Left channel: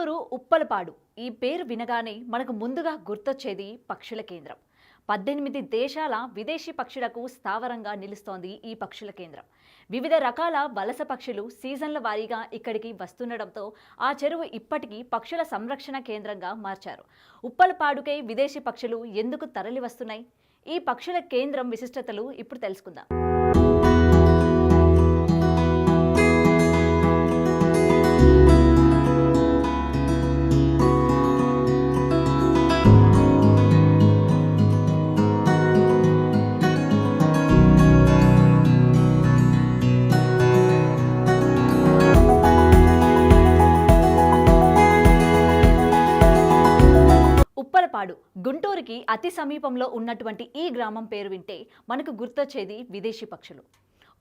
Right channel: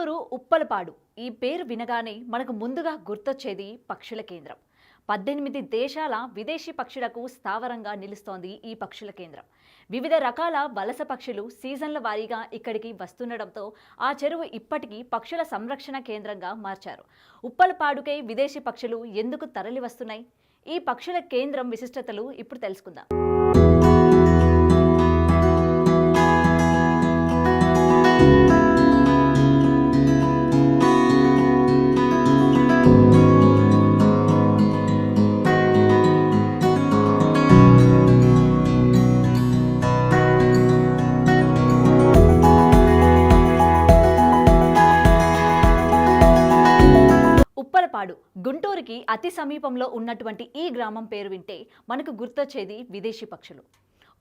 గుంటూరు ఉప్పలపాడు ఈ పేరు వినగానే మనకు ముందుగా గుర్తొచ్చేది పక్షుల కేంద్రం. 18 దేశాల విదేశీ పక్షులకు స్థావరంగా నిలుస్తోంది ఈ పక్షుల కేంద్రం. వివిధ రకాల వలస పక్షులు సీజన్ల వారీగా ఇక్కడికి వస్తుండడంతో ఆ చెరువు ఇప్పటికీ పక్షుల సంరక్షణ కేంద్రంగా మార్చారు. ఉప్పలపాడుకై విదేశీ పక్షులు ఎందుకు తరలి వస్తున్నాయి? ఈ పక్షుల కేంద్రం విశిష్టతలు ఇప్పుడు తెలుసుకుందాం. ఉప్పలపాడు గుంటూరుకి అతి సమీపంలో ఉన్నటువంటి ఈ గ్రామం పేరు వింటే మనకు గుర్తొచ్చేది విదేశీ పక్షులు.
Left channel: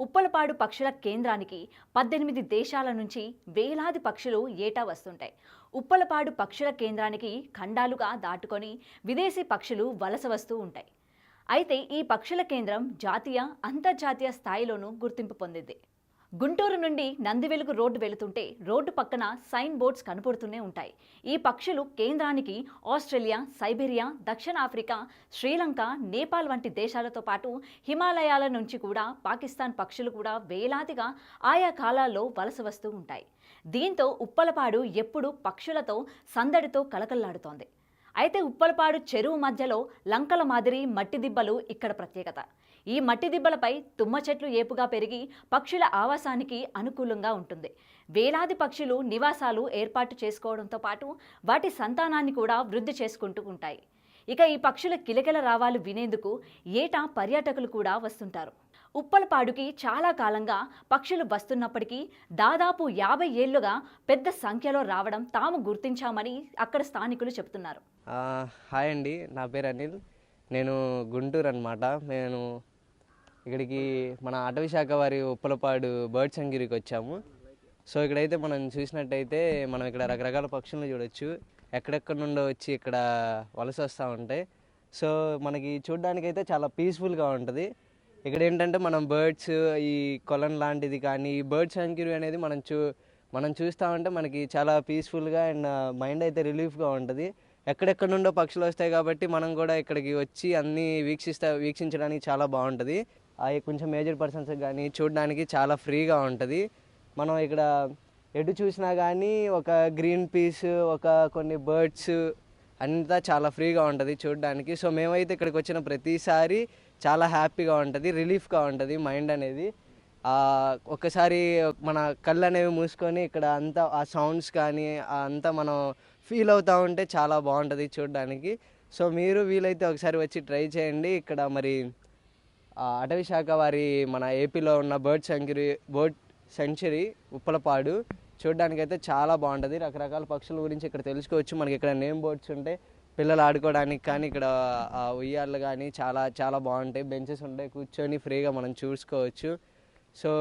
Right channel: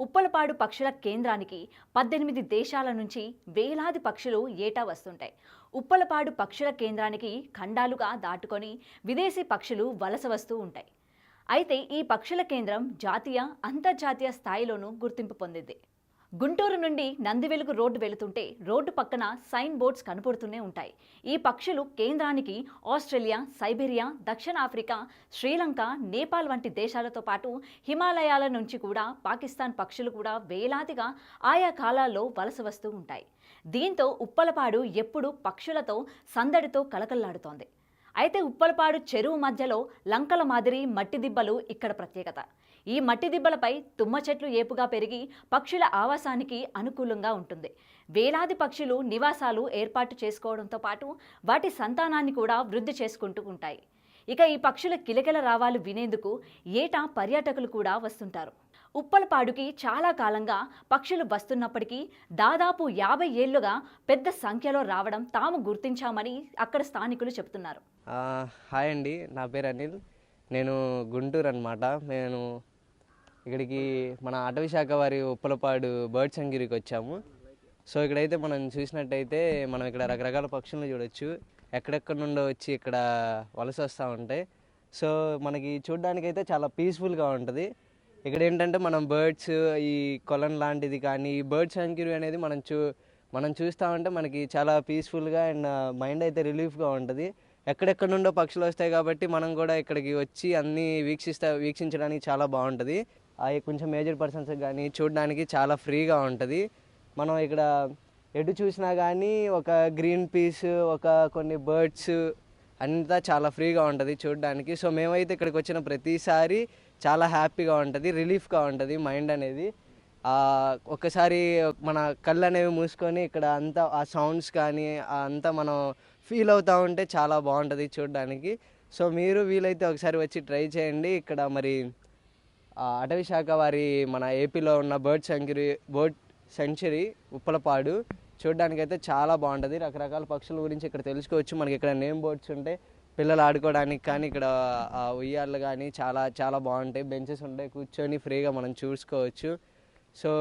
ఉప్పలపాడు పక్షుల కేంద్రానికి 18 దేశాల నుంచి వేలాది పక్షులు ఏటా వస్తుంటాయి. ఉప్పలపాడు పక్షుల కేంద్రానికి ఖండాలుగా దాటుకొని విదేశీ పక్షులు వలస వస్తూ ఉంటాయి. అయితే ఈ పక్షుల కేంద్రం జాతీయ అంతర్జాతీయ స్థాయిలోనూ గుర్తింపు పొందింది. గుంటూరు నుండి నందివెలుగు రోడ్డు వెళుతుంటే రోడ్డు పక్కన సైన్ బోర్డ్స్ కనపడుతూనే ఉంటాయి. ఈ పక్షులు కేంద్రానికి ఆస్ట్రేలియా, సైబీరియా, దక్షిణాఫ్రికా, శ్రీలంక, నేపాల్ వంటి దేశాలతో పాటు హిమాలయాల నుంచి కూడా పాకిస్తాన్ పక్షులు కూడా వేలాదిగా ఆయా కాలాల్లో వలస వస్తూ ఉంటాయి. దీంతో ఉప్పలపాడు ఎప్పుడూ పక్షులతో సందడితో కలకల్లాడుతోంది. అయితే ఉప్పలపాడు చెరువు మధ్యలో లంకల మాదిరి మట్టి దిబ్బలు ఇక్కడ ప్రత్యేకత. ఈ మట్టి దిబ్బలపై తుమ్మ చెట్లు ఏపుగా పెరిగి పక్షుల ఆవాసానికి అనుకూలంగా ఉంటుంది. వేలాది పక్షులు నివాసాలు ఏర్పాటు చేసుకోవడంతో పాటు వాటి సంతానాన్ని కూడా వృద్ధి చేసుకుంటూ ఉంటాయి. ఇక ఈ పక్షుల కిలకిల రావాలు వినేందుకు ఏటా పర్యాటకులు కూడా వస్తుంటారు. ఉప్పలపాడుకి చాలా కాలంగా పక్షులు వస్తున్నప్పటికీ దాదాపు 50 ఏళ్లుగా పెద్ద సంఖ్యలో రావడం తాము గుర్తించామని అక్కడ స్థానికులు చెబుతున్నారు. హాయ్ అండి, నా పేరు అనిల్. నేను గుంటూరు అనమాట. నేను ఇక్కడికి మన అటవీ శాఖ వారి ఉప్పలపాడు బర్డ్ సంగిరికి వచ్చాము. సో ఇక్కడైతే మనం చూసినట్టయితే మనం ఇక్కడ రకరకాల పక్షులను చూడొచ్చు. ఎక్కడెక్కడ నుండో వచ్చి ఇక్కడ వలస వస్తూ ఉంటాయి. సో మనకి చూడడానికైతే చాలా పీస్ఫుల్గా ఉంటుంది. ఇక్కడ ఏంటంటే మనం బర్డ్స్, ఈ కొలన్ లాంటిది కానీ ఈ బర్డ్ సంకిరి అనేది మనం చూస్తూ ఉంటే మనకి చాలా పీస్ఫుల్గా అండ్ మైండ్ అయితే రిలీఫ్గా ఉంటుంది. ఎక్కడెక్కడ నుండో పక్షులు వస్తాయి కాబట్టి మనం కూడా ఇక్కడికి వచ్చి అన్నీ వీక్షించడానికి చాలా బాగుంటుంది. అవి కొంచెం మేజర్ పర్సన్స్ కానీ చూడడానికి చాలా ఫ్రీగా ఉంటుంది. మనం ఇక్కడ ఎటు చూసినా కానీ ఒక గ్రీన్ పీస్, ఒక కొన్ని బర్డ్స్ అంతా చాలా ఫ్రీగా ఉంటుంది చూడడానికి. సో మేమైతే ఇక్కడికి వచ్చిన ప్రతిసారి చాలా హ్యాపీగా ఉంటుంది, రిలీఫ్గా ఉంటుంది మైండ్ అనేది. ఒక్కసారి మన కళ్ళు అనేవి మూసుకొని ఇక్కడ అంతా ఆ సౌండ్స్ కానీ అంతా మనం ఫీల్ అవుతూ ఉంటే చాలా బాగుంటుంది చూడడానికి. సో మీరు వీలైతే ఒకసారి వచ్చి ట్రై చేయండి. ఇక్కడ మరి అటవీ శాఖ వారి మన ఏపీలో ఉన్న బర్డ్ సెంచరీ ఉప్పలపాడు చూడడానికైతే చాలా బాగుంటుంది. రకరకాల పక్షుల గురించి ఇక్కడ తెలుసుకోవచ్చు. మనకి ఇక్కడ నేమ్ బోర్డ్స్ ఉంటాయి పిల్లలు ఆడుకోవడానికి కానీ, ఇక్కడ ఉయ్యాళ్ళు కానీ చాలా చాలా బాగుంటాయి. బెంచెస్ ఉంటాయి, కూర్చొని ఫ్రీగా మనం చూసుకోవచ్చు. సో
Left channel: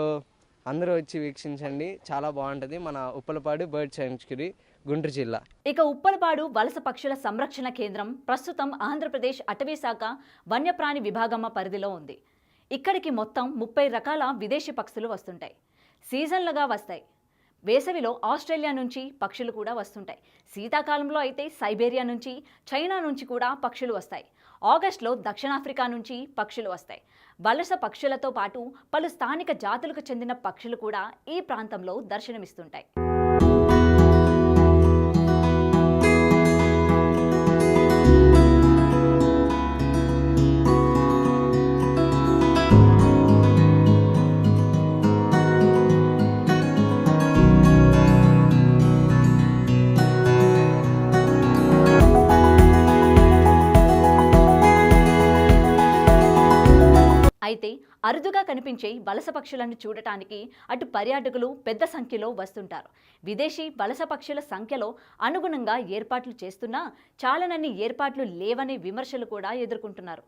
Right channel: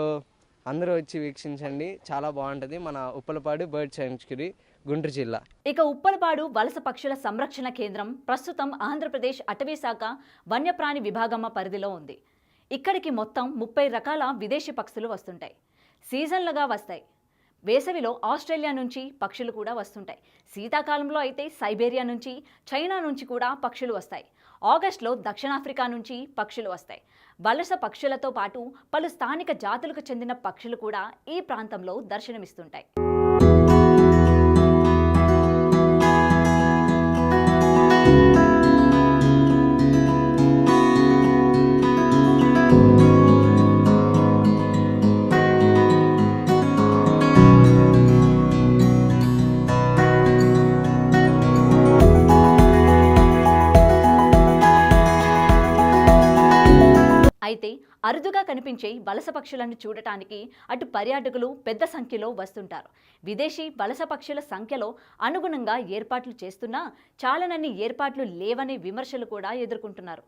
అందరూ వచ్చి వీక్షించండి, చాలా బాగుంటుంది మన ఉప్పలపాడు బర్డ్ సెంచరీ, గుంటూరు జిల్లా. ఇక ఉప్పలపాడు వలస పక్షుల సంరక్షణ కేంద్రం ప్రస్తుతం ఆంధ్రప్రదేశ్ అటవీ శాఖ వన్యప్రాణి విభాగమ్మ పరిధిలో ఉంది. ఇక్కడికి మొత్తం 30 రకాల విదేశీ పక్షులు వస్తుంటాయి. సీజన్లుగా వస్తాయి. వేసవిలో ఆస్ట్రేలియా నుంచి పక్షులు కూడా వస్తుంటాయి. శీతాకాలంలో అయితే సైబీరియా నుంచి, చైనా నుంచి కూడా పక్షులు వస్తాయి. ఆగస్టులో దక్షిణాఫ్రికా నుంచి పక్షులు వస్తాయి. వలస పక్షులతో పాటు పలు స్థానిక జాతులకు చెందిన పక్షులు కూడా ఈ ప్రాంతంలో దర్శనమిస్తుంటాయి. అయితే అరుదుగా కనిపించే వలస పక్షులను చూడటానికి అటు పర్యాటకులు పెద్ద సంఖ్యలో వస్తుంటారు. విదేశీ వలస పక్షుల సంఖ్యలో అనుగుణంగా ఏర్పాట్లు చేస్తున్నా చాలానన్ని ఏర్పాట్లు లేవనే విమర్శలు కూడా ఎదుర్కొంటున్నారు.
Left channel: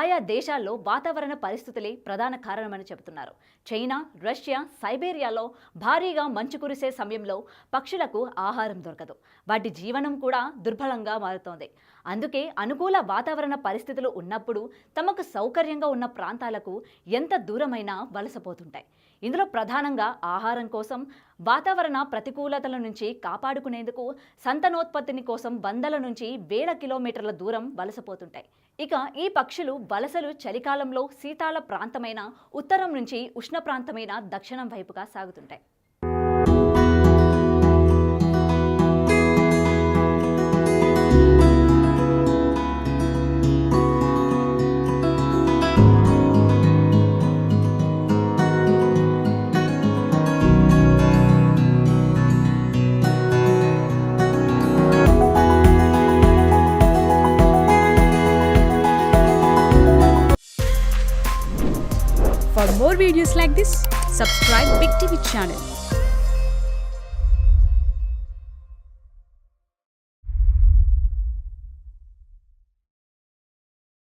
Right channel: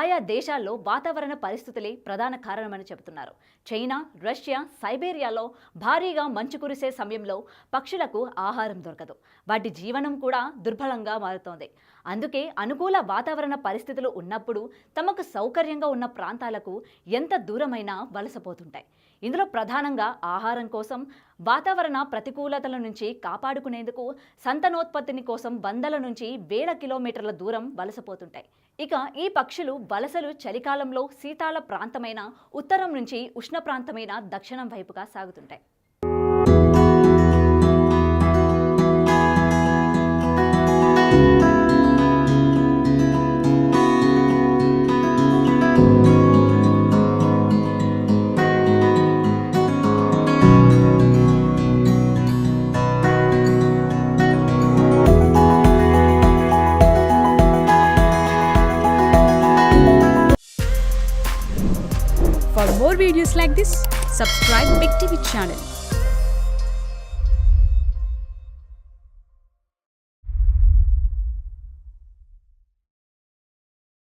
ఆయా దేశాల్లో వాతావరణ పరిస్థితులే ప్రధాన కారణమని చెబుతున్నారు. చైనా, రష్యా, సైబీరియాలో భారీగా మంచు కురిసే సమయంలో పక్షులకు ఆహారం దొరకదు. వాటి జీవనం కూడా దుర్బలంగా మారుతోంది. అందుకే అనుకూల వాతావరణ పరిస్థితులు ఉన్నప్పుడు తమకు సౌకర్యంగా ఉన్న ప్రాంతాలకు ఎంత దూరమైనా వలసపోతుంటాయి. ఇందులో ప్రధానంగా ఆహారం కోసం, వాతావరణ ప్రతికూలతల నుంచి కాపాడుకునేందుకు సంతానోత్పత్తిని కోసం వందల నుంచి వేల కిలోమీటర్ల దూరం వలసపోతుంటాయి. ఇక ఈ పక్షులు వలసలు చలికాలంలో శీతాల ప్రాంతమైన ఉత్తరం నుంచి ఉష్ణ ప్రాంతమైన దక్షిణం వైపుగా సాగుతుంటాయి. For more videos like this, subscribe Big TV channel.